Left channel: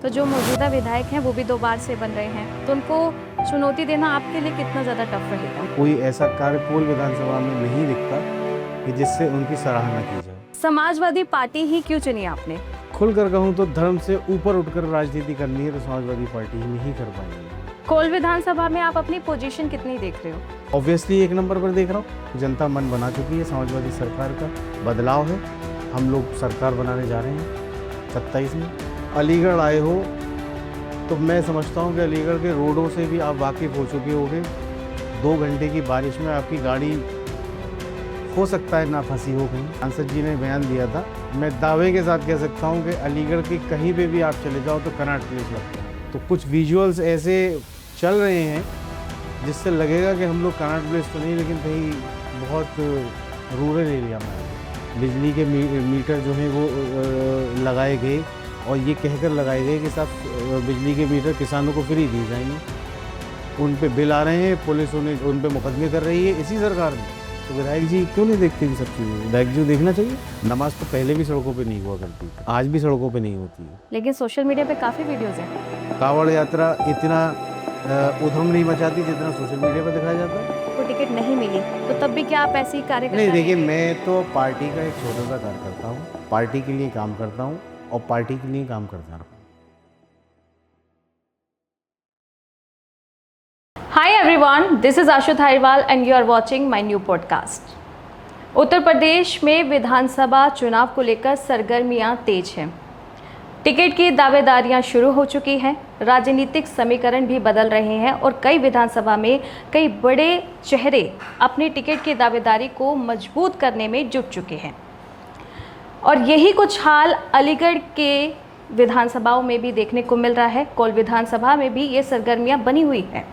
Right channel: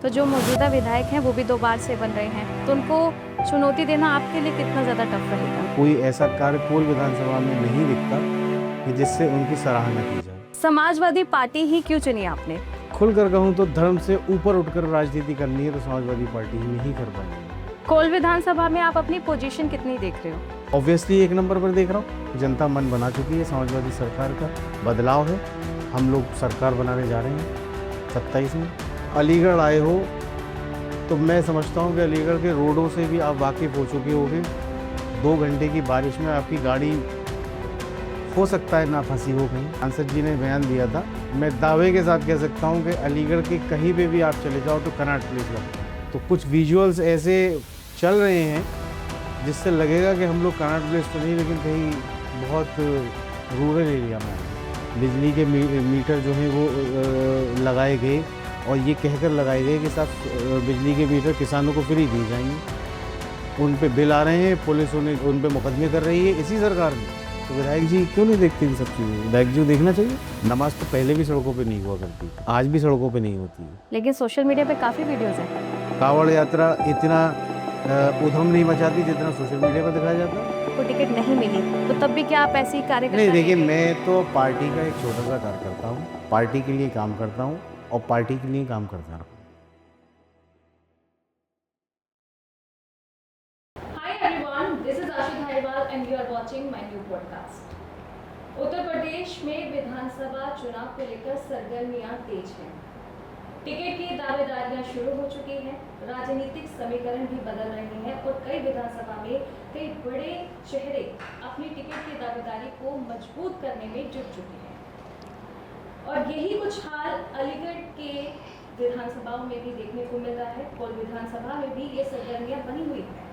तो जो मौजूदा विधायक हैं वो भी 2 बार से बन रहे हैं, तो उनको चुनौती देना आपके लिए कितना ज़्यादा टफ रहेगा? कोई ऐसा कार्य कोल विधानसभा में नहीं दिखता कि जिससे उनकी सराहना की जाए। समाजवादी पार्टी ही क्यों चुनी आपने? खुलकर कहूँ तो धर्म से ऊपर उठकर राजनीति करनी है तो समाजवादी पार्टी ही में ही कर पाएंगे। कोल विधानसभा में आप अपनी पोजीशन कितनी देख रहे हो? ऑब्वियसली 1 नंबर पर देख रहा हूँ। जनता मन बना चुकी है, समाजवादी सरकार का बदलाव है। हम लोग सरकार बनाने जा रहे हैं 27 में। अलीगढ़ आए हो तो मैं समझता हूँ कि अलीगढ़ के रोडों से भी आप वाकिफ़ हो चुके होंगे। 2 घंटे की बारिश में आपकी गाड़ी हो सकता है ना फंसी हो कहीं। सांसद जी ने बयान दिया था, मैं दावे के साथ कह सकता हूँ कि अलीगढ़ के कहीं पे भी आप चले जाओ तो कनॉट प्लेस लगता है। तो कुछ विजुअल्स ऐसे चल रहे हैं जिससे लगेगा कि हम लोग कनॉट प्लेस तो नहीं, लेकिन कहीं बहुत रूरल एरिया में है। बिजली के मीटर जो हैं वो लगाए गए और ये कहकर लगाए गए कि साहब बिजली के मीटर किसानों को फ्री दिए जाएंगे। उन पे बिल आ रहे हैं, पुलिस उन पे मुकदमे कर रही है इसी सरकार ने। तो विधायक जी क्यों नहीं देखते इन सब चीज़ें? विधायक जी को देखना चाहिए। नमाज तो पहले भी सड़कों पे नहीं हुआ करती थी, आज भी सड़कों पे नहीं होती है। लेकिन सोशल मीडिया पे काफ़ी वीडियोज़ हैं। कांवड़ यात्रा इतना उधम नहीं मचाती जितना सोशल मीडिया पर दिखाया जाता है। को टिकट नहीं मिली तो तब भी क्या आप ऐसी कार्य नहीं, देखिए मैं तो पार्टी का एक छोटा सा कार्यकर्ता हूँ, पार्टी के लिए काम करता हूँ और पार्टी के लिए काम करता रहूँ। Hi everyone, this is Ashu Thariwal and you are watching my new podcast. Uttar Pradesh में विधानसभा चुनाव को लेकर सरगर्मियां तेज हैं। टिकट की दावेदारियां शुरू हो चुकी हैं, राजनीतिक समीकरण भी बदल रहे हैं और कई विधानसभा में कई बड़े चेहरे अपनी टिकट की दावेदारी को मजबूत करने में जुट चुके हैं। और यही कुछ हाल अलीगढ़ के विधानसभाओं में भी देखने को मिल रहा है। कोल विधानसभा में भी ये सरगर्मियां बनी हुई हैं।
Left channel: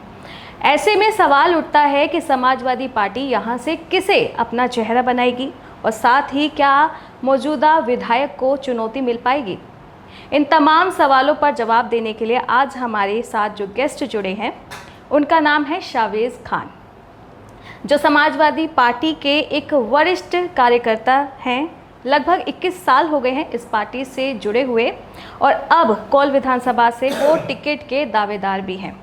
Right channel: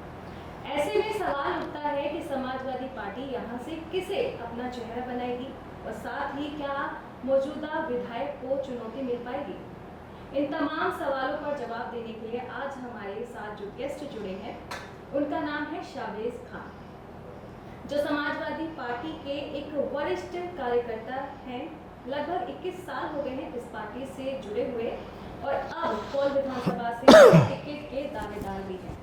ऐसे में सवाल उठता है कि समाजवादी पार्टी यहाँ से किसे अपना चेहरा बनाएगी और साथ ही क्या मौजूदा विधायक को चुनौती मिल पाएगी? इन तमाम सवालों पर जवाब देने के लिए आज हमारे साथ जो गेस्ट जुड़े हैं उनका नाम है शावेज़ खान, जो समाजवादी पार्टी के एक वरिष्ठ कार्यकर्ता हैं। लगभग 21 साल हो गए हैं इस पार्टी से जुड़े हुए और अब कोल विधानसभा से वो टिकट के दावेदार भी हैं।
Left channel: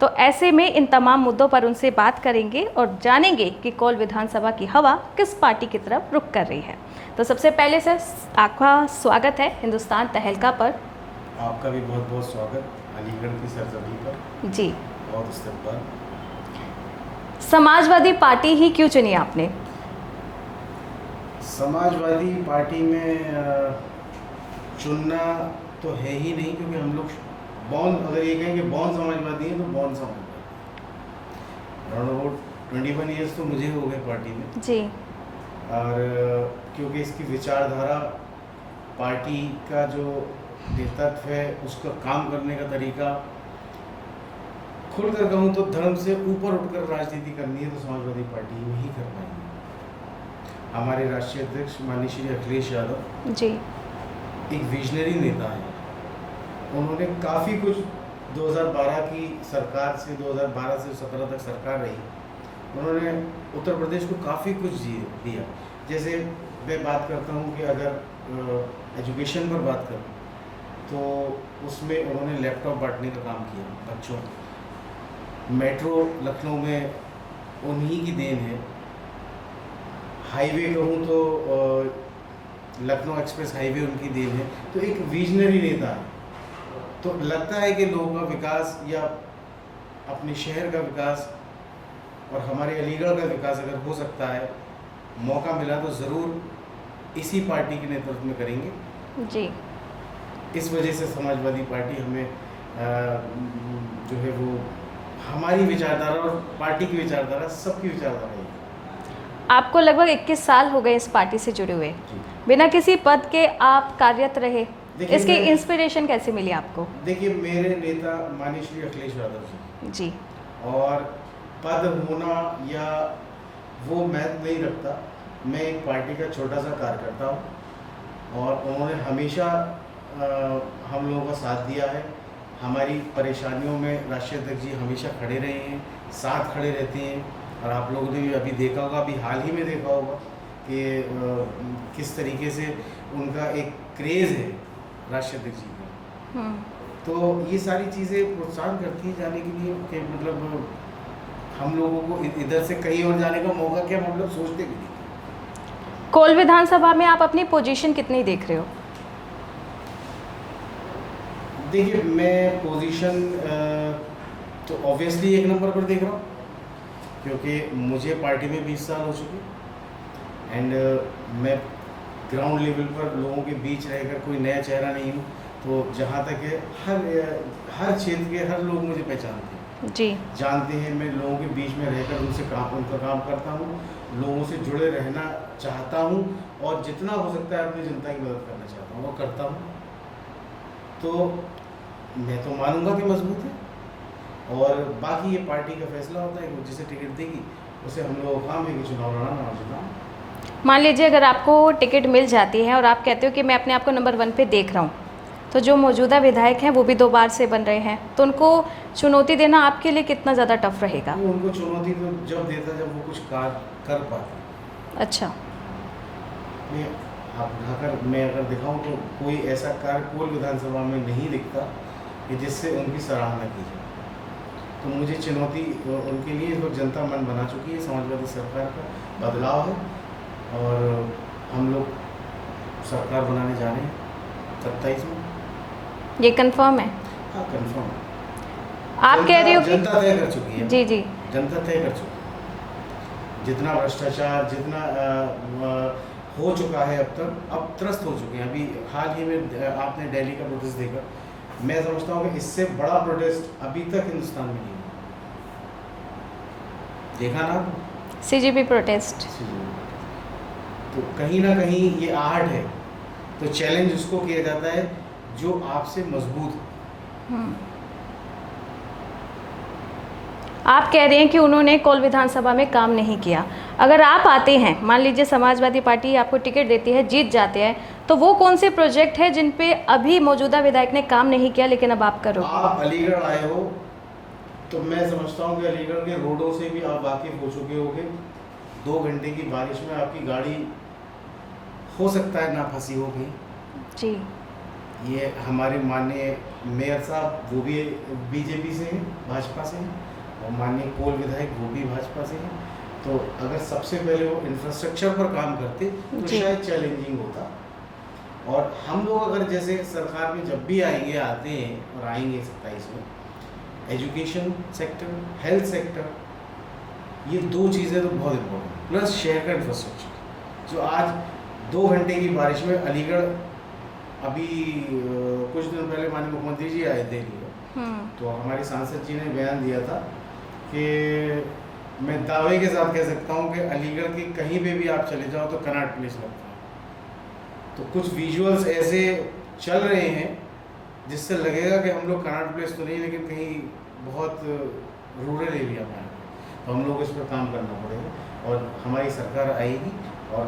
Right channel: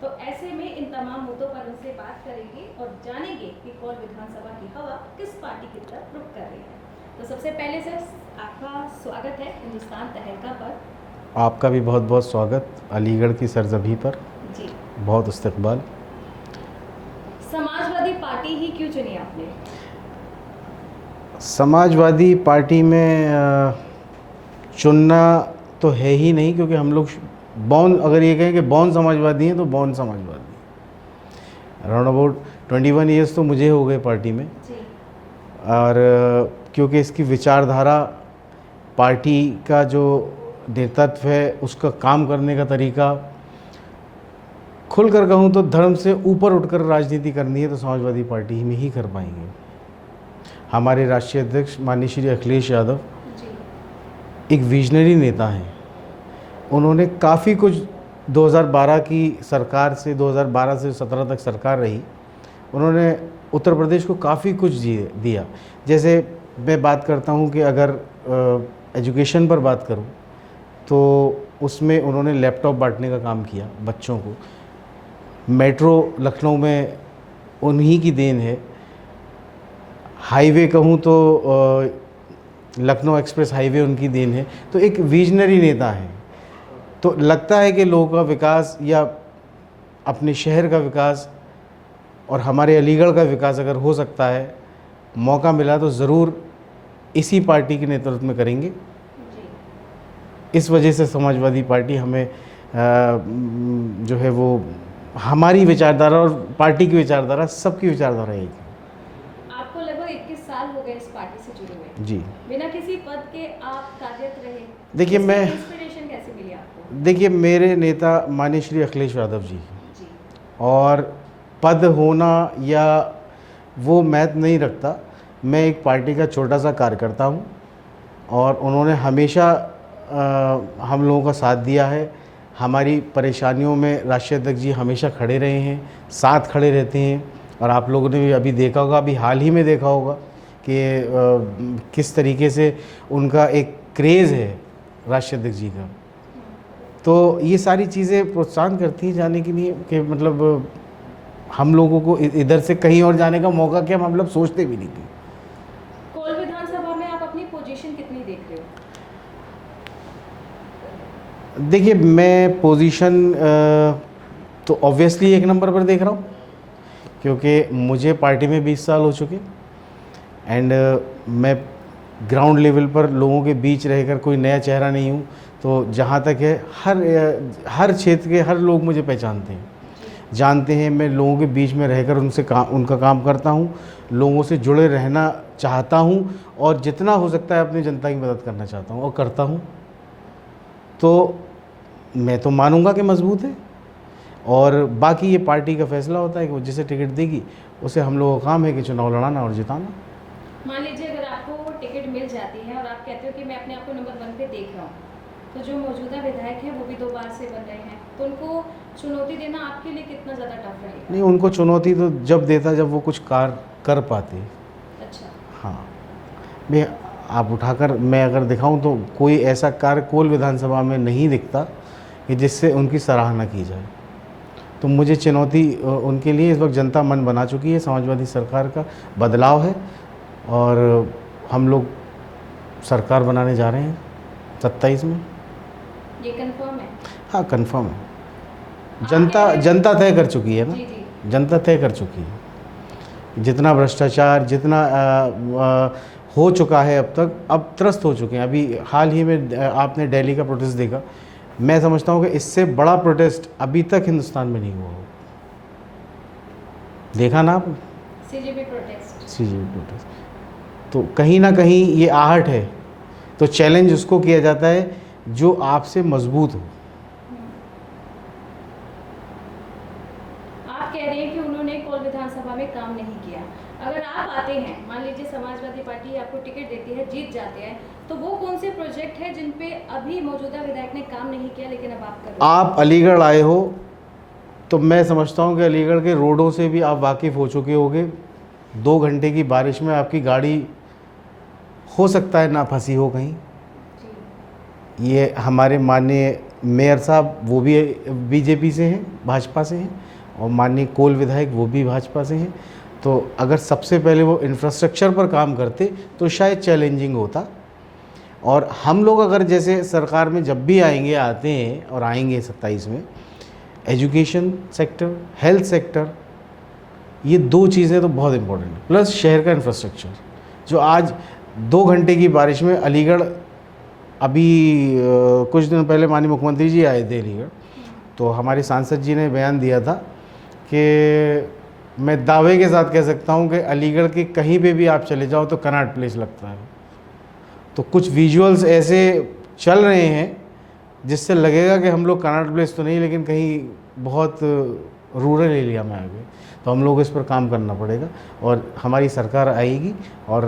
तो ऐसे में इन तमाम मुद्दों पर उनसे बात करेंगे और जानेंगे कि कोल विधानसभा की हवा किस पार्टी की तरफ रुख कर रही है। तो सबसे पहले सर आपका स्वागत है हिंदुस्तान तहलका पर। आपका भी बहुत बहुत स्वागत अलीगढ़ की सरजमी पर। जी, बहुत इस्तकबाल। समाजवादी पार्टी ही क्यों चुनी आपने? समाजवादी पार्टी में चुनना तो है ही नहीं, क्योंकि हम लोग बॉर्न, अगर ये कहें कि बॉर्न समाजवादी हैं तो born Samajwadi. Around about 21 years तो मुझे हो गए पार्टी में जी। और क्योंकि इसकी विचारधारा, पार्टी का जो नेतृत्व है, उसका काम करने का तरीका, खुलकर कहूँ तो धर्म से ऊपर उठकर राजनीति करनी है तो समाजवादी पार्टी में ही कर पाएंगे। हमारे राष्ट्रीय अध्यक्ष माननीय श्री अखिलेश यादव जी एक विजनरी नेता हैं। उन्होंने काफ़ी कुछ 2012 की सरकार से 2012 से 17 तक सरकार रही, उन्होंने उत्तर प्रदेश को काफ़ी कुछ दिया। जैसे मैं बात करता हूँ कि अगर एजुकेशन पर बात करूँ तो उसमें उन्होंने लैपटॉप बांटने का काम किया बच्चों को। मेट्रो लखनऊ में उन्हीं की देन है। हाईवे कहूँ तो लखनऊ एक्सप्रेस हाईवे उनकी देन है। तो एक विजनरी नेता है। तो लगता है कि लोगों का विकास या अपने शहर का विकास और हमारे अलीगढ़ का विकास अगर हो सकता है, मौका मिला तो ज़रूर इसी पार्टी के नेतृत्व में करेंगे जी। इस वजह से समाजवादी पार्टी हमें जो है वो हमारी विचारधारा और पार्टी की विचारधारा, सबकी विचारधारा है। आपको लगभग 21 साल हो गए इस पार्टी से जुड़े हुए। जी। बिना किसी पद के आप कार्यरत रहे। देखिए, इसकी इंस्पिरेशन कैसे मिली आपको? देखिए, मेरे नेता माननीय श्री अखिलेश यादव जी, और पद होना या वो महत्व नहीं रखता। मैं एक पार्टी का छोटा सा कार्यकर्ता हूँ और उन्होंने हमेशा हम लोगों का साथ दिया है। हमारी परेशानियों में राष्ट्रीय अध्यक्ष जी हमेशा खड़े रहे हैं, साथ खड़े रहते हैं। और आप लोगों ने भी अभी देखा होगा, अभी हाल ही में देखा होगा कि किस तरीके से उनका एक क्रेज़ है राष्ट्रीय अध्यक्ष जी का। तो ये सारी चीज़ें प्रोत्साहन करती हैं जाने के लिए कि मतलब हम लोगों को इधर से कहीं और जाने का मौका क्या मतलब सोचते भी नहीं थे। कोल विधानसभा में आप अपनी पोजीशन कितनी देख रहे हो? देखिए मैं पोजीशन तो ऑब्वियसली 1 नंबर पर देख रहा हूँ, क्योंकि मुझे पार्टी में 20 साल हो चुके एंड मैं ग्राउंड लेवल पर लोगों के बीच रहकर कोई नया चेहरा नहीं हूँ। तो जहाँ तक है हर क्षेत्र के हर लोग मुझे पहचानते हैं जी, जानते हैं। मैं लोगों के बीच में रहकर उनका काम करता हूँ, लोगों से जुड़े रहना चाहता हूँ और जितना हो सकता है अपनी जनता की मदद करना चाहता हूँ और करता हूँ। तो मैं तो मानूंगा कि मजबूत है और बाकी ये पार्टी का फैसला होता है कि वो जिसे टिकट देगी उसे हम लोगों का काम है कि चुनाव लड़ाना और जिताना। मान लीजिए अगर आपको टिकट मिल जाती है और आप कहते हो कि मैं अपने आप को नंबर 1 पे देख रहा हूँ, तो जो मौजूदा विधायक हैं वो भी 2 बार से बन रहे हैं, तो उनको चुनौती देना आपके लिए कितना ज़्यादा टफ रहेगा? नहीं, उनको चुनौती तो जब देता जब वो कुछ कार्य कर पाते। अच्छा, हाँ, मैं आप उठाकर मैं अगर दिखाऊं तो कोई ऐसा कार्य कोल विधानसभा में नहीं दिखता कि जिससे उनकी सराहना की जाए। तो मुझे चुनौती उनके लिए इस वक्त जनता मन बना चुकी है। समाजवादी सरकार का बदलाव है और हम लोग सरकार बनाने जा रहे हैं 27 में। ये कंफर्म है? हाँ कंफर्म है। आप कह रहे हो जनता तय कर चुकी है। जी जी, जनता तय कर चुकी है। जितना भ्रष्टाचार जितना हो चुका है अब तक, अब त्रस्त हो चुके हैं। अभी हाल ही में आपने दिल्ली का प्रोटेस्ट देखा। मैं समझता हूँ कि इससे बड़ा प्रोटेस्ट अभी तक हिंदुस्तान में नहीं हुआ। देखा ना आपने? CGP protest. CGP protest. तो कहीं ना कहीं ये आहट है। तो चैलेंज उसको किया जाता है जो आपसे मजबूत हो। आप कह रहे हैं कि उन्होंने कोल विधानसभा में काम नहीं किया। अगर आप आते हैं, मान लीजिए समाजवादी पार्टी आपको टिकट देती है, जीत जाते हैं, तो वो कौन से प्रोजेक्ट है जिन पे अभी मौजूदा विधायक ने काम नहीं किया लेकिन अब आप करो? आप अलीगढ़ आए हो तो मैं समझता हूँ कि अलीगढ़ के रोडों से भी आप वाकिफ़ हो चुके होंगे। 2 घंटे की बारिश में आपकी गाड़ी हो सकता है ना फंसी हो कहीं। जी, ये हमारे माननीय मेयर साहब वो भी बीजेपी से हैं, भाजपा से हैं, और माननीय कोल विधायक वो भी भाजपा से हैं। तो अगर सबसे पहले वो इंफ्रास्ट्रक्चर पर काम करते तो शायद चैलेंजिंग होता। और हम लोग अगर जैसे सरकार में जब भी आएंगे, आते हैं और आएंगे 27 में, एजुकेशन सेक्टर, हेल्थ सेक्टर, ये 2 चीज़ें तो बहुत इम्पोर्टेंट है, प्लस शहर का इंफ्रास्ट्रक्चर। जो आज 2 घंटे की बारिश में अलीगढ़, अभी कुछ दिन पहले माननीय मुख्यमंत्री जी आए थे अलीगढ़, तो हमारे सांसद जी ने बयान दिया था कि मैं दावे के साथ कह सकता हूं कि अलीगढ़ के कहीं पे भी आप चले जाओ तो कनॉट प्लेस लगता है। तो कुछ विजुअल्स ऐसे चल रहे हैं जिससे लगेगा कि हम लोग कनॉट प्लेस तो नहीं, लेकिन कहीं बहुत रूरल एरिया में आ गए। तो हम लोग इस पर काम करना पड़ेगा और हमारी सरकार आएगी। और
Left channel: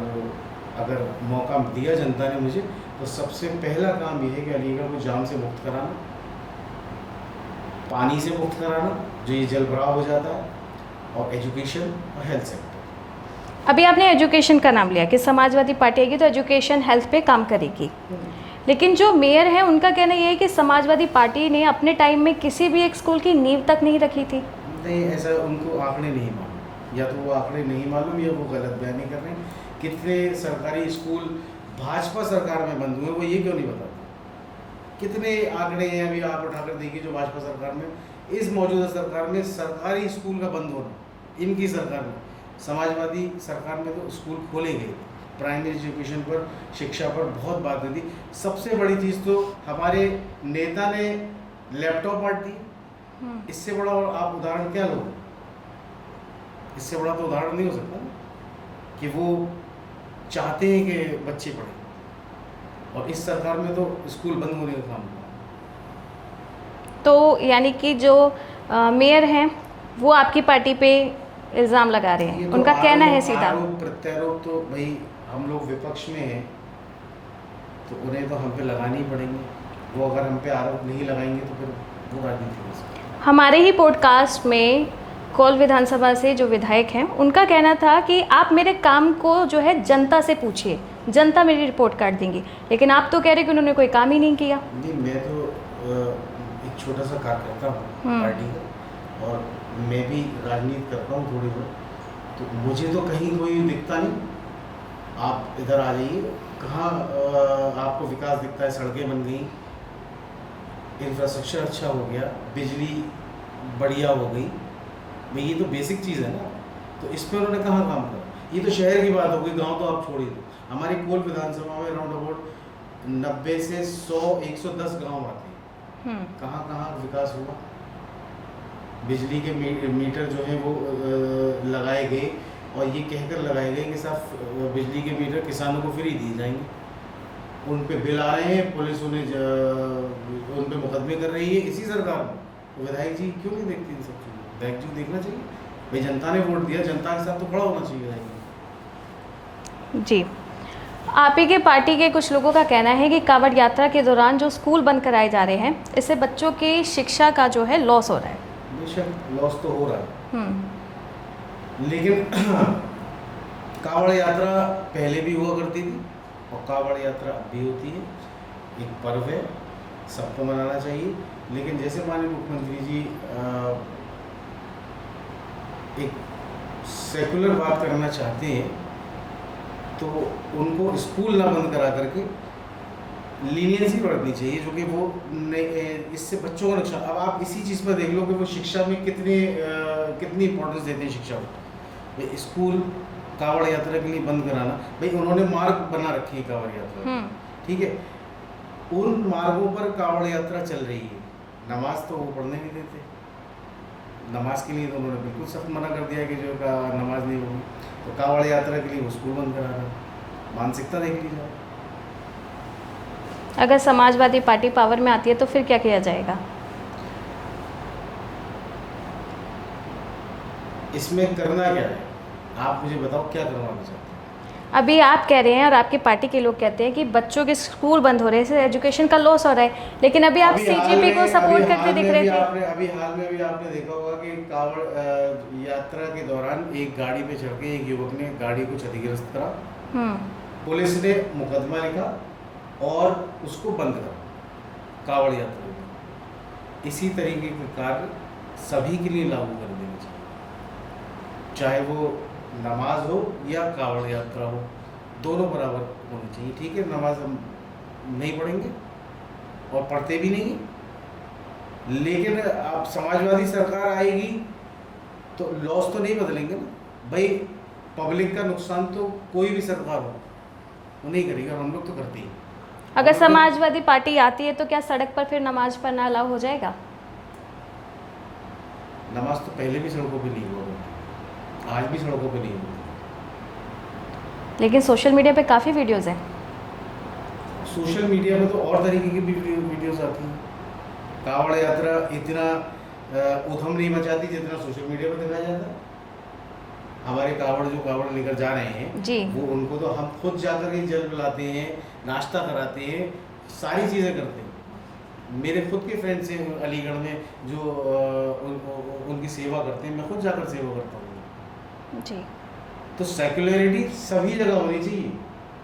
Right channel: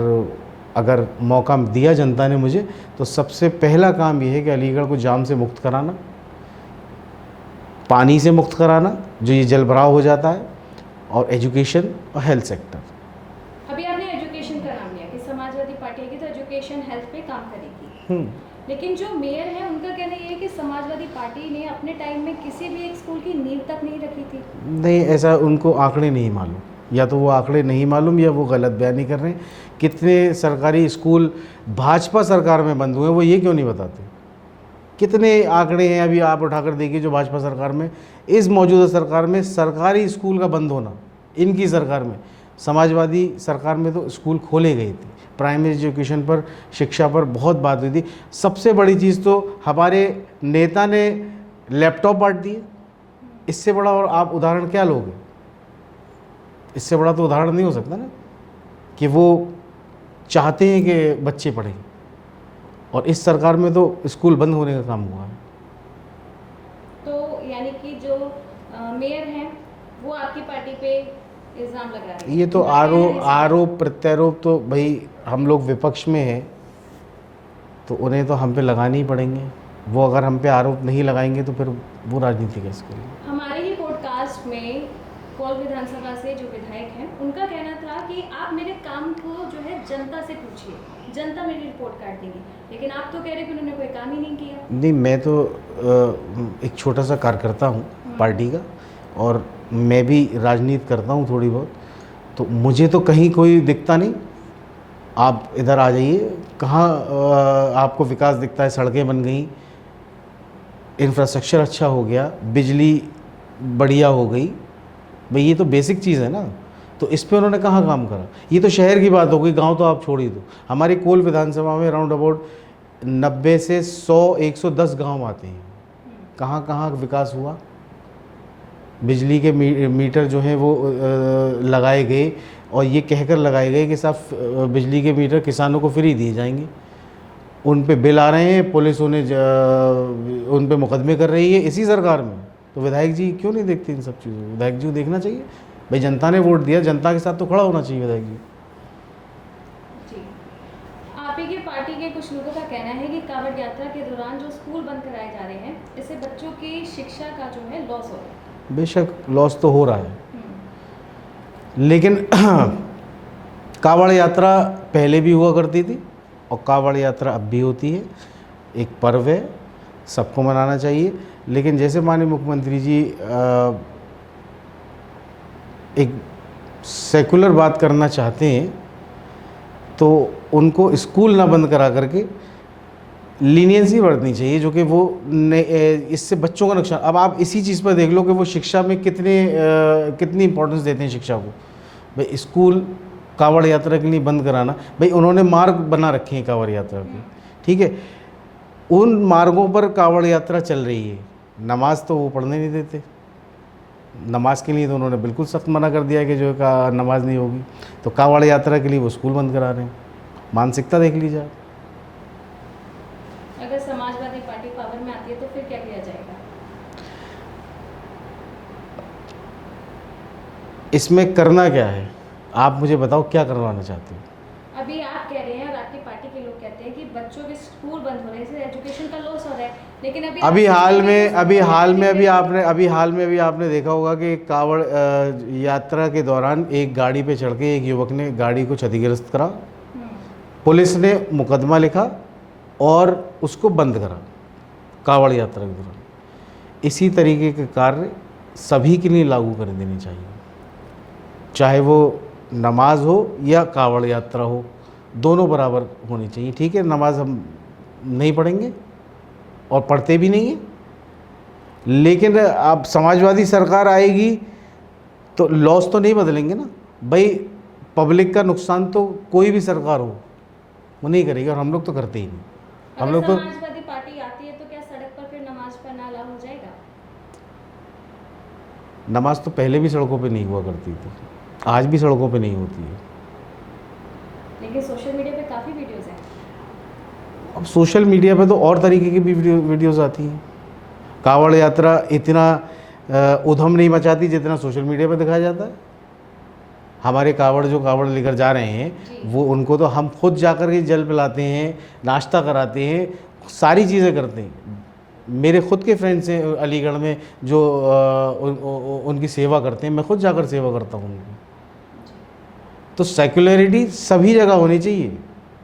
अगर मौका दिया जनता ने मुझे, तो सबसे पहला काम ये है कि अलीगढ़ को जाम से मुक्त कराना, पानी से मुक्त कराना जो ये जल भराव हो जाता है, और एजुकेशन और हेल्थ सेक्टर। अभी आपने एजुकेशन का नाम लिया कि समाजवादी पार्टी आएगी तो एजुकेशन हेल्थ पे काम करेगी, लेकिन जो मेयर हैं उनका कहना यह है कि समाजवादी पार्टी ने अपने टाइम में किसी भी एक स्कूल की नींव तक नहीं रखी थी। नहीं, ऐसा उनको आंकड़े नहीं मालूम, या तो वो आंकड़े नहीं मालूम या वो गलत बयानी कर रहे हैं। कितने सरकारी स्कूल भाजपा सरकार में बंद हुए वो ये क्यों नहीं बताते? कितने आंकड़े हैं अभी आप उठाकर देखिए जो भाजपा सरकार में, इस मौजूदा सरकार में सरकारी स्कूल का बंद होना, इनकी सरकार में। समाजवादी सरकार में तो स्कूल खोले गए थे, प्राइमरी एजुकेशन पर, शिक्षा पर बहुत बात हुई थी। सबसे बड़ी चीज़ तो हमारे नेता ने लैपटॉप बांट दिए। इससे बड़ा और आप उदाहरण क्या लोगे? इससे बड़ा तो उदाहरण नहीं हो सकता ना कि वो चाहते हैं कि बच्चे पढ़ें, और इस सरकार में तो स्कूल बंद होने का काम हुआ है। तो यानी कि जो मेयर हैं वो आपकी पार्टी पे इल्ज़ाम लगा रहे हैं। ये तो उनका कहना है सीधा। आरोप प्रत्यारोप तो भाई हम लोग विपक्ष में हैं तो उन्हें तो हम पे लगाने ही पड़ेंगे। वो अगर हम पे आरोप नहीं लगाएंगे तो फिर वो राजनीति कैसे करेंगे? हमारे ही पॉडकास्ट में कोल विधानसभा से जो विधायक हैं उनका कहना था कि आप मेरे काम को जो है जनता से पूछिए, जनता मेरी रिपोर्ट काट देंगी, लेकिन आप तो कह रहे कि उन्होंने कोई काम ही नहीं किया। नहीं, मैं तो एक छोटा सा कार्यकर्ता हूँ पार्टी का, और मैं भी राजनीति करता हूँ थोड़ी बहुत, तो मुझे तो कहीं कोई दिखता नहीं। आप इधर आ जाइए, कहाँ आपको विकास दिखता है? सड़कें बन गई, इंफ्रास्ट्रक्चर अच्छा हो गया, बिजली बढ़िया हो गई, भाई ये तो बेसिक चीज़ है ना। तो इस पे उन्होंने कहाँ काम करा? ये तो शहर की बात हो गई, गांव तो आप छोड़ ही दो। हमारी कोल विधानसभा में राउंड अबाउट 90 से 100-110 गांव आते हैं। कहाँ कहाँ विकास हुआ? बिजली के मीटर जो हैं वो लगाए गए, और ये कहकर लगाए गए कि साहब बिजली के मीटर किसानों को फ्री दिए जाएंगे। उन पे बिल आ रहे हैं, पुलिस उन्हें उन पे मुकदमे कर रही है इसी सरकार में। तो विधायक जी क्यों नहीं देखते इन सब चीज़ों? विधायक जी को देखना चाहिए भाई, जनता ने वोट दिया, जनता के साथ तो खड़ा होना चाहिए विधायक जी। जी, आप ही के पार्टी के कुछ लोगों का कहना है कि कांवड़ यात्रा के दौरान जो स्कूल बंद कराए जा रहे हैं, इससे बच्चों की शिक्षा का जो है लॉस हो रहा है। बेशक लॉस तो हो रहा है, लेकिन कांवड़ यात्रा पहले भी हुआ करती थी और कांवड़ यात्रा अब भी होती है। एक पर्व है, सबको मनाना चाहिए। लेकिन जैसे माननीय मुख्यमंत्री जी एक सेकुलर बात करना चाहते हैं, तो उनको स्कूल ना बंद करा करके लीनियंसी बरतनी चाहिए, जो कि वो इससे बच्चों का नुकसान। अब आप इसी चीज़ पर देख लो कि वो शिक्षा में कितनी इंपॉर्टेंस देते हैं शिक्षा को। भाई स्कूल कांवड़ यात्रा के लिए बंद कराना, भाई उन्होंने मार्ग बना रखे हैं कांवड़ यात्रा के, ठीक है, उन मार्गों पर कांवड़ यात्रा चल रही है, नमाज तो वो पढ़ने नहीं देते। नमाज के लिए तो उन्होंने बिल्कुल सख्त मना कर दिया कि जो है नमाज नहीं होगी। तो कांवड़ यात्रा के लिए वो स्कूल बंद करा रहे हैं। मानसिकता देख लीजिए। अगर समाजवादी पार्टी पावर में आती है तो फिर क्या किया जाएगा? इसमें करना क्या है? आप मुझे बताओ, क्या करवाना चाहते हैं? अभी आप कह रहे हैं और आपकी पार्टी के लोग कहते हैं कि बच्चों के स्कूल बंद हो रहे हैं, इससे एजुकेशन का लॉस हो रहा है, लेकिन अभी आप हाल में भी आपने देखा होगा कि कांवड़ यात्रा के दौरान एक गाड़ी पे चढ़ के एक युवक ने गाड़ी को क्षतिग्रस्त करा, पुलिस ने मुकदमा लिखा और उसको बंद करा कांवड़ यात्रा के दौरान। इसी तरीके के कार्य सभी के लिए लागू कर देने चाहिए, चाहे वो नमाज हो या कांवड़ यात्रा हो, दोनों बराबर होनी चाहिए। ठीक है, नमाज हम नहीं पढ़ेंगे और पढ़ते भी नहीं हैं, लेकिन अब समाजवादी सरकार आएगी तो लॉस तो नहीं बदलेंगे ना भाई। पब्लिक का नुकसान तो कोई भी सरकार हो वो नहीं करेगी, और हम लोग तो करते ही नहीं। अगर समाजवादी पार्टी आती है तो क्या सड़क पर फिर नमाज पढ़ना अलाउ हो जाएगा? नमाज तो पहले भी सड़कों पे नहीं हुआ करती थी, आज भी सड़कों पे नहीं होती है। लेकिन सोशल मीडिया पे काफ़ी वीडियोस हैं। अब सोशल मीडिया पे तो और तरीके की भी वीडियोस आती हैं। कांवड़ यात्रा इतना उधम नहीं मचाती जितना सोशल मीडिया पे दिखाया जाता है। हमारे कांवड़ लेकर जा रहे हैं, वो उनको तो हम खुद जाकर के जल पिलाते हैं, नाश्ता कराते हैं, सारी चीज़ें करते हैं। मेरे खुद के फ्रेंड्स हैं अलीगढ़ में जो उनकी सेवा करते हैं, मैं खुद जाकर सेवा करता हूँ जी। तो सेक्युलरिटी सभी जगह होनी चाहिए,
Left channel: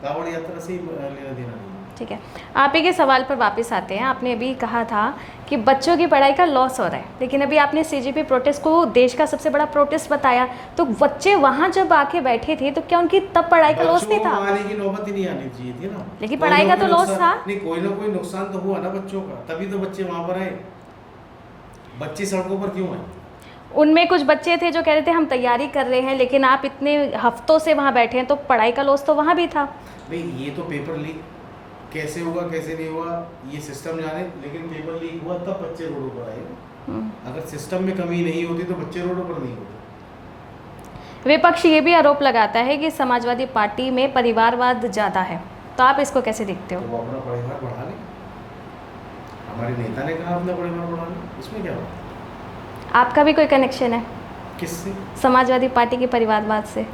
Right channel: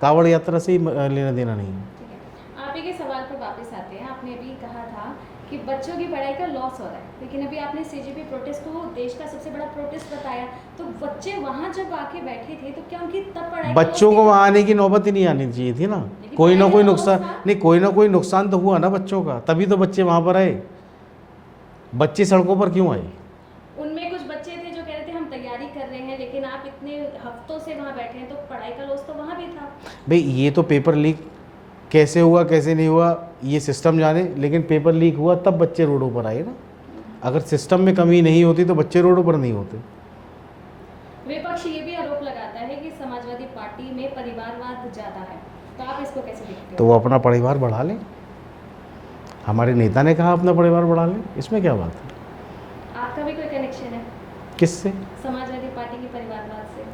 कांवड़ यात्रा से ही लेना देना नहीं है। ठीक है, आप ही के सवाल पर वापस आते हैं। आपने अभी कहा था कि बच्चों की पढ़ाई का लॉस हो रहा है, लेकिन अभी आपने सीजेपी प्रोटेस्ट को देश का सबसे बड़ा प्रोटेस्ट बताया, तो बच्चे वहाँ जब आके बैठे थे तो क्या उनकी तब पढ़ाई का लॉस बच्चों नहीं को था? आने की नौबत ही नहीं आनी चाहिए थी ना। लेकिन पढ़ाई का तो लॉस था। नहीं, कोई ना कोई नुकसान तो हुआ ना बच्चों का, तभी तो बच्चे वहाँ पर आए। बच्चे सड़कों पर क्यों आए? उनमें कुछ बच्चे थे जो कह रहे थे हम तैयारी कर रहे हैं, लेकिन आप इतने हफ्तों से वहाँ बैठे हैं तो पढ़ाई का लॉस तो वहाँ भी था। भाई ये तो पेपर लीक कैसे हुआ कैसे नहीं हुआ ये सिस्टम जाने, लेकिन पेपर लीक हुआ तब बच्चे रोडों पर आए ना। अगर सिस्टम में कमी नहीं होती तो बच्चे रोडों पर नहीं होते। विपक्ष ये भी आरोप लगाता है कि समाजवादी पार्टी में परिवारवाद ज़्यादा है, तो आप इसको कैसे देखते हो? तो वो अपना परिवार बढ़ा लें। हमारे नेता ने कहा अपना परिवार बढ़ा लें, इसमें क्या बात है? आपका भी कोई कनेक्शन है किससे? समाजवादी पार्टी के परिवारवाद से?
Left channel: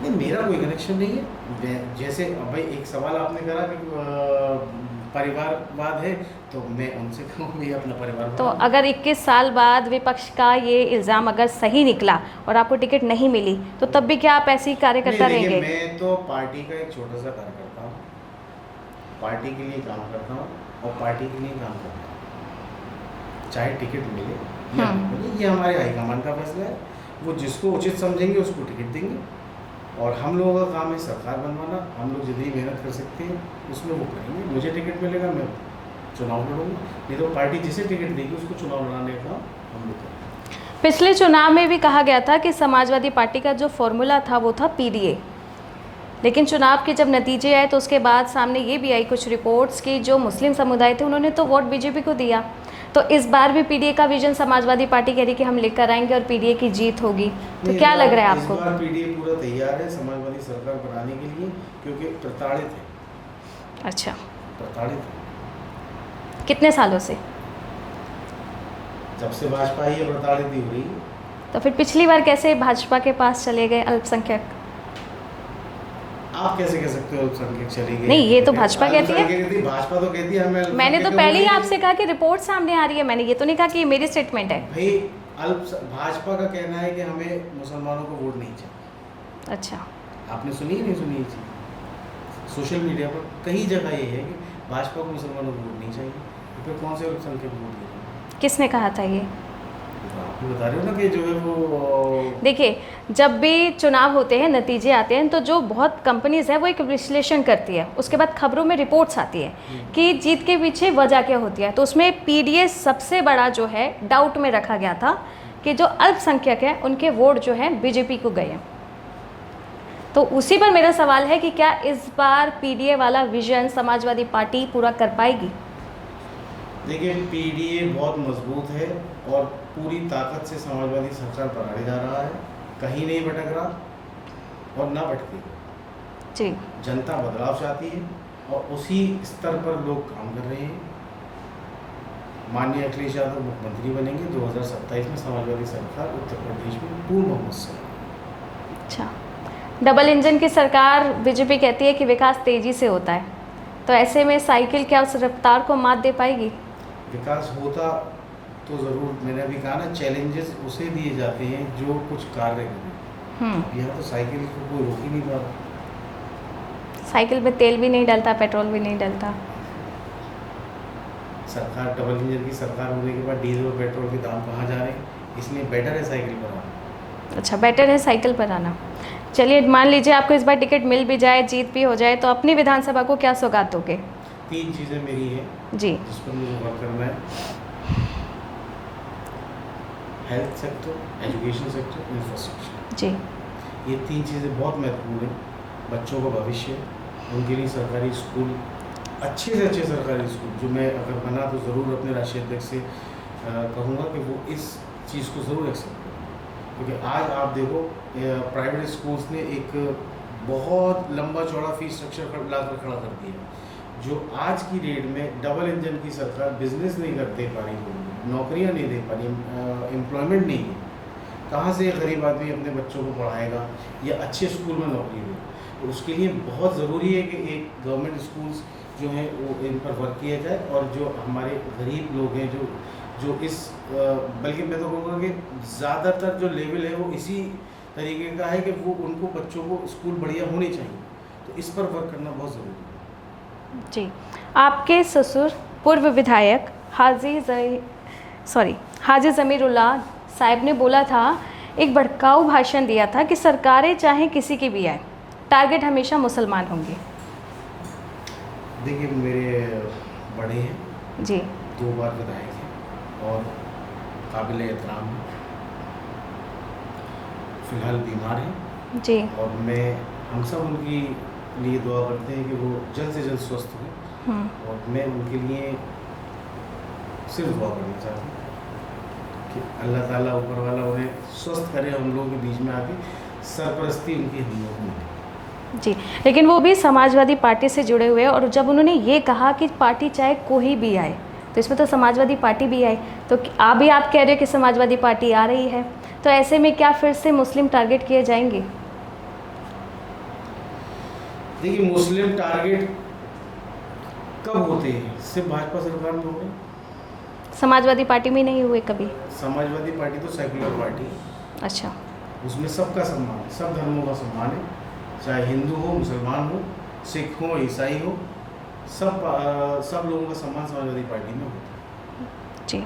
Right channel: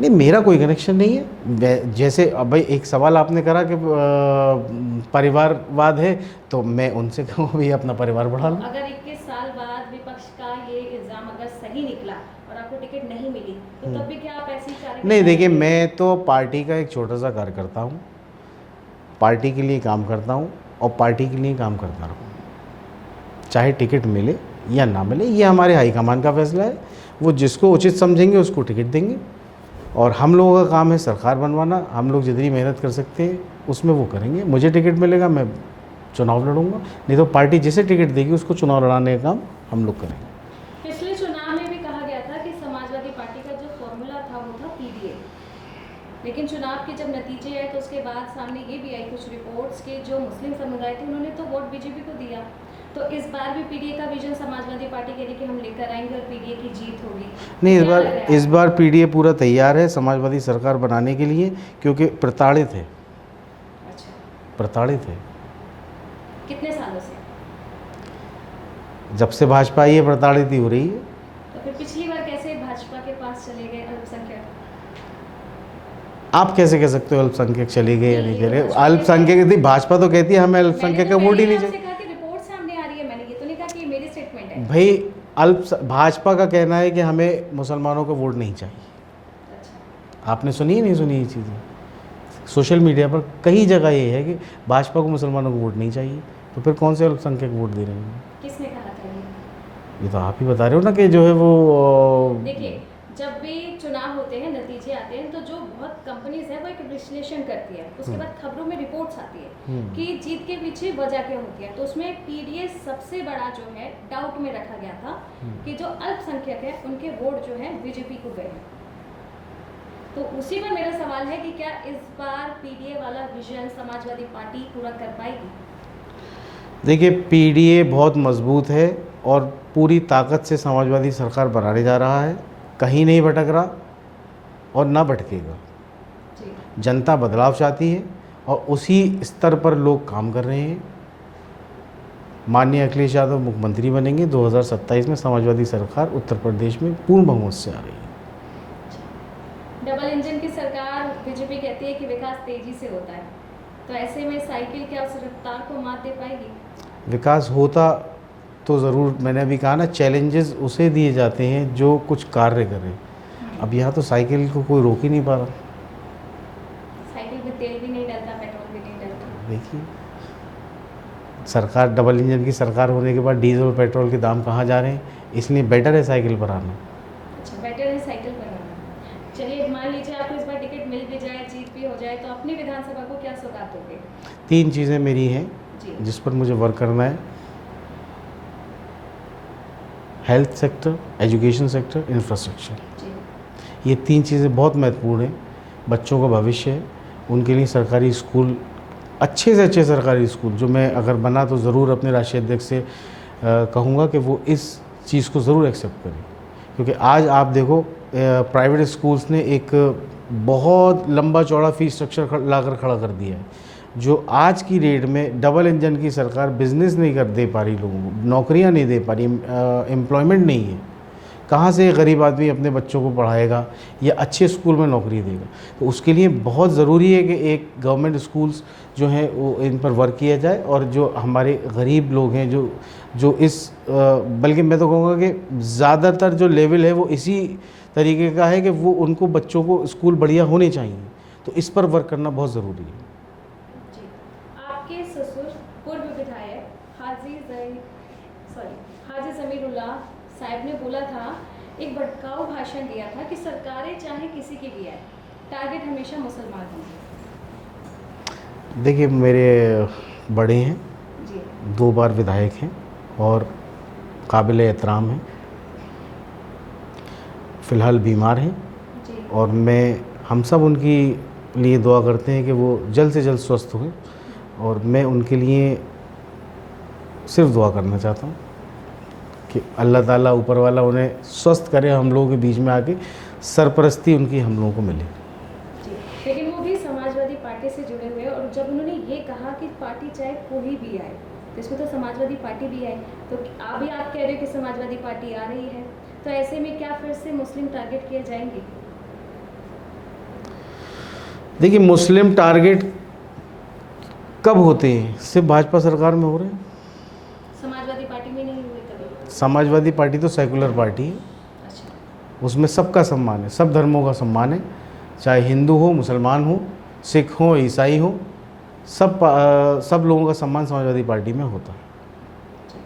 नहीं, मेरा कोई कनेक्शन नहीं है। जैसे अब भाई एक सवाल आपने करा कि परिवारवाद है, तो मैं उनसे कहूँ भी अपना परिवार बढ़ाओ। तो अगर 21 साल बाद विपक्ष का ये इल्ज़ाम अगर सही निकला और आपको टिकट नहीं मिली, तो तब भी क्या आप ऐसी कार्यकर्ता नहीं, देखिए रहेंगे? मैं तो पार्टी का एक छोटा सा कार्यकर्ता हूँ, पार्टी के लिए काम करता हूँ और पार्टी के लिए काम करता हूँ। चाहे टिकट मिले या ना मिले, ये हमारे हाईकमान का फैसला है। वो जिसको उचित समझेंगे उसको टिकट देंगे, और हम लोगों का काम है सरकार बनवाना। हम लोग जितनी मेहनत कर सकते हैं उसमें वो करेंगे। मुझे टिकट मिलेगा, मैं चुनाव लड़ूंगा, नहीं तो पार्टी जिसे टिकट देगी उसको चुनाव लड़ाने का काम हम लोग करेंगे। पिछले चुनाव में भी कहा गया था कि समाजवादी पार्टी का जो फॉर्मूला था वो था पीडीए, लेकिन चुनाव के जब नतीजे आए तो उसके बाद सामने ये भी आई कुछ रिपोर्ट्स की जो मुस्लिम समुदाय थे उन्होंने तो वोट बीजेपी को दिया। तो इस बार भी पीडीए का विजन समाजवादी पार्टी कह रही कि हम लेकर आएंगे और पीडीए की जीत होगी। नहीं, तो क्या लग रहा है इस आपको? बार पीडीए पूरा तैयार है समाजवादी सरकार बनाने के लिए, क्योंकि प्रताड़ित है। अच्छा, प्रताड़ित है कितने सालों से? जब से भाजपा आई है प्रताड़ित ही हो रही है। तो फिर पिछली बार कैसे भाजपा के पास चले गए अल्पसंख्यक? आप कैसे कह सकते हो अल्पसंख्यक चले गए? नहीं, ये तो भाजपा कहती है। अल्पसंख्यक थी, भाजपा तो कहती है हमें मैंने अल्पसंख्यक तो का वोट पहले ही ही नहीं आपसे कहा कि रिपोर्ट सामने आ रही है, मैंने ये तो नहीं कहा कि ये मेरी स्टेटमेंट है। भाई भाजपा का कहना है कि हमें मुसलमानों को वोट नहीं चाहिए। अच्छा, आपने सुनी ही नहीं सुनी ये चीज़ें? सोशल मीडिया पर कई जगह ये है कि भाजपा को मुसलमानों को वोट नहीं चाहिए, तो फिर कौन से अल्पसंख्यक वोट दे रहे हैं? किसने कहा था ये? तो आप ही बता रहे हो ना कि जो है वो देखिए, जब भी चुनाव होते हैं, नतीजे आते हैं, तो जो बहुत कंपनीज है वो एक विश्लेषण करती है, उसके बाद खबरों में रिपोर्ट्स आती है कि जीत के पीछे वजह क्या होती है। तो उसमें पीडीए सबसे बड़ा जो है डाउट में रखा गया था कि जो अल्पसंख्यक है उनके वोट जो है बीजेपी को गए हैं। तो उसी पर मेरा सवाल है कि क्या इस बार पीडीए वाला विजन समाजवादी पार्टी पूरा कर पाएगी? देखिए, पीडीए बहुत मजबूत है और पूरी ताकत से समाजवादी सरकार बनाने जा रहा है, कहीं नहीं भटक रहा और ना भटकेगा। जी, जनता बदलाव चाहती है और उसी स्तर पर लोग काम कर रहे हैं। माननीय अखिलेश यादव मुख्यमंत्री बनेंगे 2027 में, समाजवादी सरकार उत्तर प्रदेश में पूर्ण बहुमत से आ रही है। अच्छा। डबल इंजन की सरकार बीजेपी कहती है कि विकास तेजी से होता है, तो ऐसे में साइकिल क्या उस रफ्तार को मात दे पाएगी? विकास होता तो ज़रूर, मैंने अभी कहा ना, चैलेंजेस उसे दिए जाते हैं जो कुछ कार्य करे। अब यहाँ तो साइकिल को कोई रोक ही नहीं पा रहा। साइकिल पे तेल भी नहीं डलता, पेट्रोल भी नहीं डलता। देखिए, सरकार डबल इंजन की सरकार होने के बाद डीजल और पेट्रोल के दाम कहाँ जा रहे हैं, इसलिए बेटर है साइकिल पर आना। अच्छा, बेटर है साइकिल पर आना। चलिए, मान लीजिए आपको इस बार टिकट मिल भी जाए, जीत भी हो जाए, तो अपनी विधानसभा को क्या सौगात दोगे? 3 चीज़ें मेरी हैं जी, जिस पर मुझे वर्क करना है: health sector, education sector, infrastructure. जी, ये 3 चीज़ें बहुत महत्वपूर्ण हैं। बच्चों का भविष्य है, उनके लिए सरकारी स्कूल, अच्छे से अच्छे सरकारी स्कूल, जो मैं अगर बना तो ज़रूर अपने राष्ट्रीय अध्यक्ष से कहूँगा कि वो इस चीज़ को ज़रूर एक्सेप्ट करें। क्योंकि आज आप देखो, प्राइवेट स्कूल्स ने एक बहुत लंबा चौड़ा फीस स्ट्रक्चर लाकर खड़ा कर दिया है, जो आज की डेट में डबल इंजन की सरकार बिजनेस नहीं कर दे पा रही, लोगों को नौकरियां नहीं दे पा रही, एम्प्लॉयमेंट नहीं है। कहाँ से गरीब आदमी अपने बच्चों को पढ़ाएगा या अच्छे स्कूल में नौकरी देगा? तो उसके लिए बहुत ज़रूरी है कि एक गवर्नमेंट स्कूल्स जो हैं वो इन पर वर्क किया जाए, और जो हमारे गरीब लोग हैं जो इस बल्कि मैं तो कहूँगा कि ज़्यादातर जो लेवल है वो इसी तरीके का है कि वो उनको बच्चों को स्कूल बढ़िया होने चाहिए। तो इस पर वर्क करना बहुत ज़रूरी है। जी। आपके ससुर पूर्व विधायक हाजी ज़मीरुल्लाह साहब ने बोला था, एक भड़काऊ भाषण दिया था कि सरकारें चाहे किसी की भी आए, टारगेट हमेशा मुसलमान होंगे। देखिए, मेरे बड़े हैं, जी, 2 बार विधायक हैं और काबिल एहतराम हैं। फ़िलहाल बीमार हैं जी, और हम सब उनकी लिए दुआ करते हैं कि वो जल्द से जल्द स्वस्थ हों, और मैं उनके लिए सिर्फ दुआ करना चाहता हूँ कि अल्लाह ताला ऊपर वाला उन्हें स्वस्थ करे, हम लोगों के बीच में आके सरपरस्ती उनकी हम लोगों को मिले। जी। लेकिन वो भी समाजवादी पार्टी से जुड़े हुए हैं, और जब उन्होंने ये कहा कि पार्टी चाहे कोई भी आए, तो इसमें तो समाजवादी पार्टी भी आई, तो आप कह रहे हो कि समाजवादी पार्टी आ रही है, तो ऐसे में क्या फिर से मुस्लिम टारगेट किए जाएंगे? देखिए, मुस्लिम टारगेट कब होते हैं? सिर्फ भाजपा सरकार में हो रहे हैं। समाजवादी पार्टी में नहीं हुए कभी? समाजवादी पार्टी तो सेकुलर पार्टी है, अच्छा, उसमें सबका सम्मान है, सब धर्मों का सम्मान है, चाहे हिंदू हो, मुसलमान हो, सिख हो, ईसाई हो, सब लोगों का सम्मान समाजवादी पार्टी में होता है। जी।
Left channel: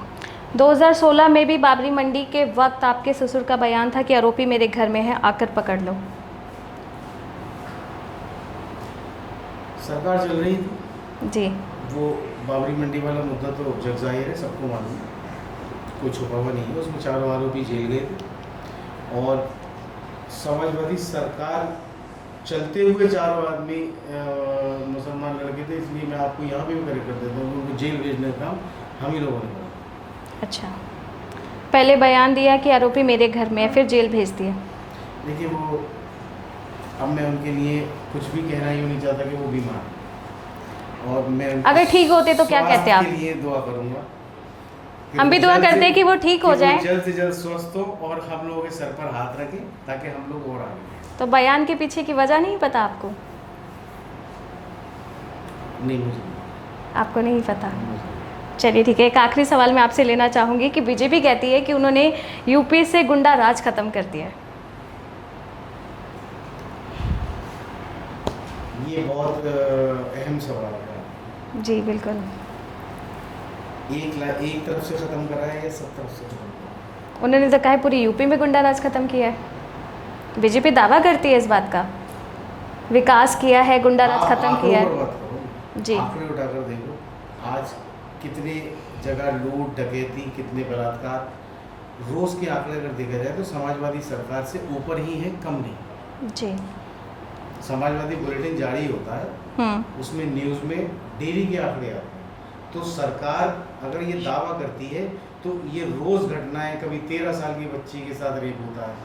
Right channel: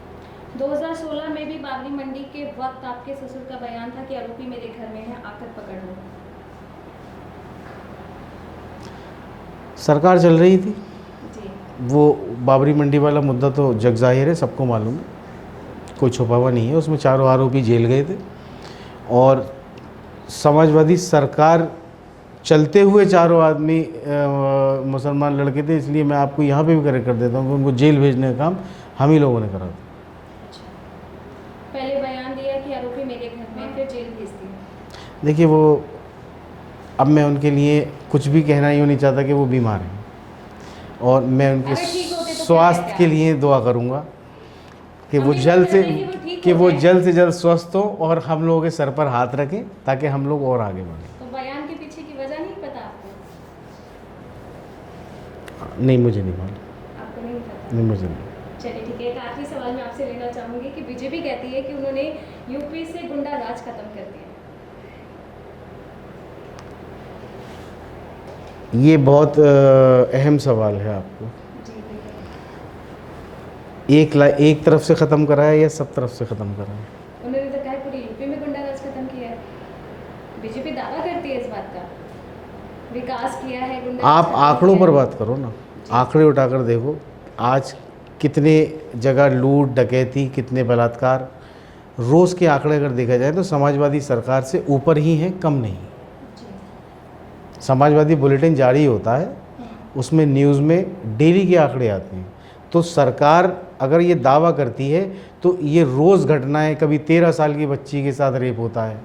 2016 में भी बाबरी मंडी के वक्त आपके ससुर का बयान था कि आरोपी मेरे घर में है, आकर पकड़ लो। सरकार चल रही थी जी। वो बाबरी मंडी वाला मुद्दा तो जग जाहिर है, सबको मालूम है, कोई छुपा हुआ नहीं है। उसमें चारों आरोपी जेल गए थे और समाजवादी सरकार चलते हुए चारों आदमी मुसलमान लड़के थे, इसलिए मैं आपको यहाँ पे भी करेक्ट कर देता हूँ कि उनको जेल भेजने का काम हम ही लोगों ने करा। अच्छा, पहले बयान दिया कि आरोपी मेरे घर में है, फिर जेल भेज दिया। देखिए वो, अब मैं उनके लिए कुछ भी कहना ही नहीं चाहता कि वो बीमार हैं और मैं उनके अगर ठीक होते तो क्या कहते स्वास्थ्य आप? के लिए दुआ करूँगा कि हम वो भी दुआ जल्द करते से- हैं कि वो ठीक हो कि जाए। वो जल्द से जल्द स्वस्थ हो और हम लोगों के सर पर हाथ रखें ताकि हम लोग और आगे बढ़ें। तो बयान के पीछे की वजह नहीं पता आपको? नहीं, मुझे नहीं मालूम, आपको नहीं पता? नहीं मुझे नहीं। चलिए ठीक है, एक आखिरी सवाल मैं आपसे लेना चाहूँगी कि बीजेपी कहती है कि उन्होंने यूपी से गुंडा राज खत्म कर दिया है। ये बहुत अहम सवाल है आपको। जी बिल्कुल। एक तरफ से ख़त्म करा है या सब तरफ से ख़त्म करा है? उन्होंने तो कहा है पूरी यूपी में गुंडा राज खत्म किया है। बीजेपी दावा करती है इस बात का, विकास किया है, गुंडा राज आप खत्म आंकड़ों किया पर है। बात करो ना, जी। आंकड़े उठाकर देखो आज कितने जगह लूट डकैती, कितने बलात्कार, रोज़ के आंकड़े अगर देखा जाए तो समाजवादी सरकार से ऊपर ही हैं, कम नहीं। जी। समाजवादी बुलेटिन जारी होता है, उसमें न्यूज़ में डेली के आंकड़े आते हैं। तो सरकार अगर ये दावा करती है तो ये रोज़ घटनाएं, कभी 13 साल की बच्ची के साथ रेप होता है,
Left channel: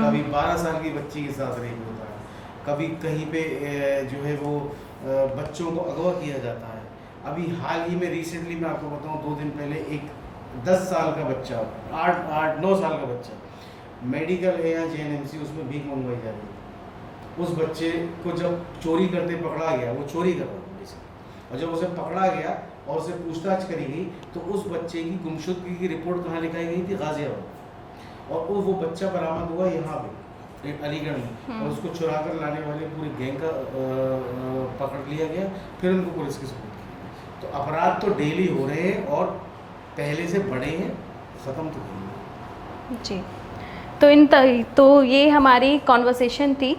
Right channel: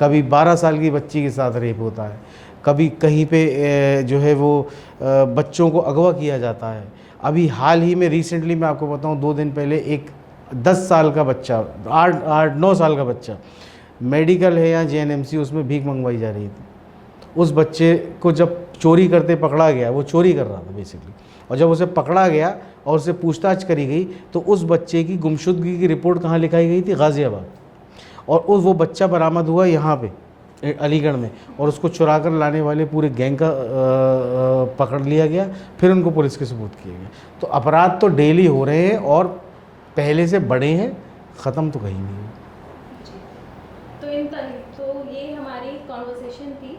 कभी 12 साल की बच्ची के साथ रेप होता है, कभी कहीं पे जो है वो बच्चों को अगवा किया जाता है। अभी हाल ही में रिसेंटली मैं आपको बताऊं, 2 दिन पहले एक 10 साल का बच्चा, 8-9 साल का बच्चा, मेडिकल है या जेएनएमसी, उसमें भीख मंगवाई जा रही थी। उस बच्चे को जब चोरी करते पकड़ा गया, वो चोरी कर रहा था बेसिकली, और जब उसे पकड़ा गया और उससे पूछताछ करी गई तो उस बच्चे की गुमशुदगी की रिपोर्ट कहाँ लिखाई गई थी? गाज़ियाबाद। और वो बच्चा बरामद हुआ यहाँ पे अलीगढ़ में, और उसको चुरा कर लाने वाले पूरे गैंग का पकड़ लिया गया, फिर उनको पुलिस के सुपुर्द किया गया। तो अपराध तो डेली हो रहे हैं और पहले से बड़े हैं, ख़त्म तो कहीं नहीं। जी, तो ये हमारी कॉन्वर्सेशन थी।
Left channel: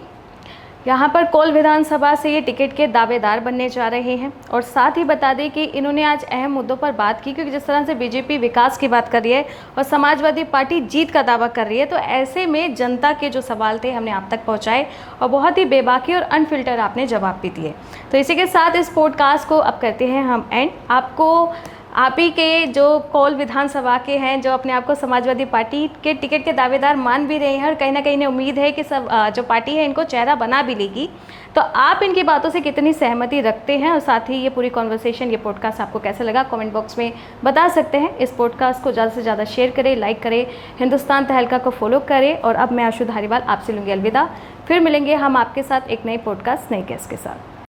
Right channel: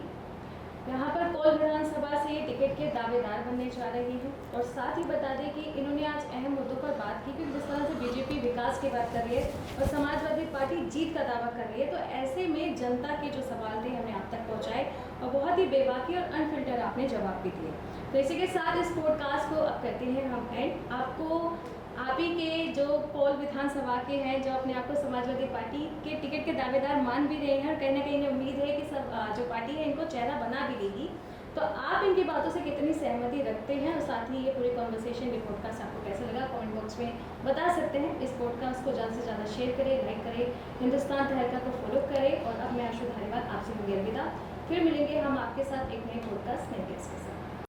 यहाँ पर कोल विधानसभा से ये टिकट के दावेदार बनने जा रहे हैं, और साथ ही बता दें कि इन्होंने आज अहम मुद्दों पर बात की, क्योंकि जिस तरह से बीजेपी विकास की बात कर रही है और समाजवादी पार्टी जीत का दावा कर रही है, तो ऐसे में जनता के जो सवाल थे हमने आप तक पहुँचाए और बहुत ही बेबाकी और अनफिल्टर आपने जवाब भी दिए। तो इसी के साथ इस पॉडकास्ट को अब करते हैं हम एंड। आपको आप ही के जो कोल विधानसभा के हैं, जो अपने आप को समाजवादी पार्टी के टिकट के दावेदार मान भी रहे हैं, और कहीं ना कहीं उम्मीद है कि सब जो पार्टी है इनको चेहरा बना भी लेगी, तो आप इनकी बातों से कितनी सहमति रखते हैं, और साथ ही ये पूरी कॉन्वर्सेशन, ये पॉडकास्ट आपको कैसा लगा कमेंट बॉक्स में बता सकते हैं। इस पॉडकास्ट को ज़्यादा से ज़्यादा शेयर करें, लाइक करें, हिंदुस्तान तहलका को फॉलो करें, और अब मैं आशु धारीवाल आपसे लूँगी अलविदा। फिर मिलेंगे हम आपके साथ एक नई पॉडकास्ट नए गेस्ट के साथ।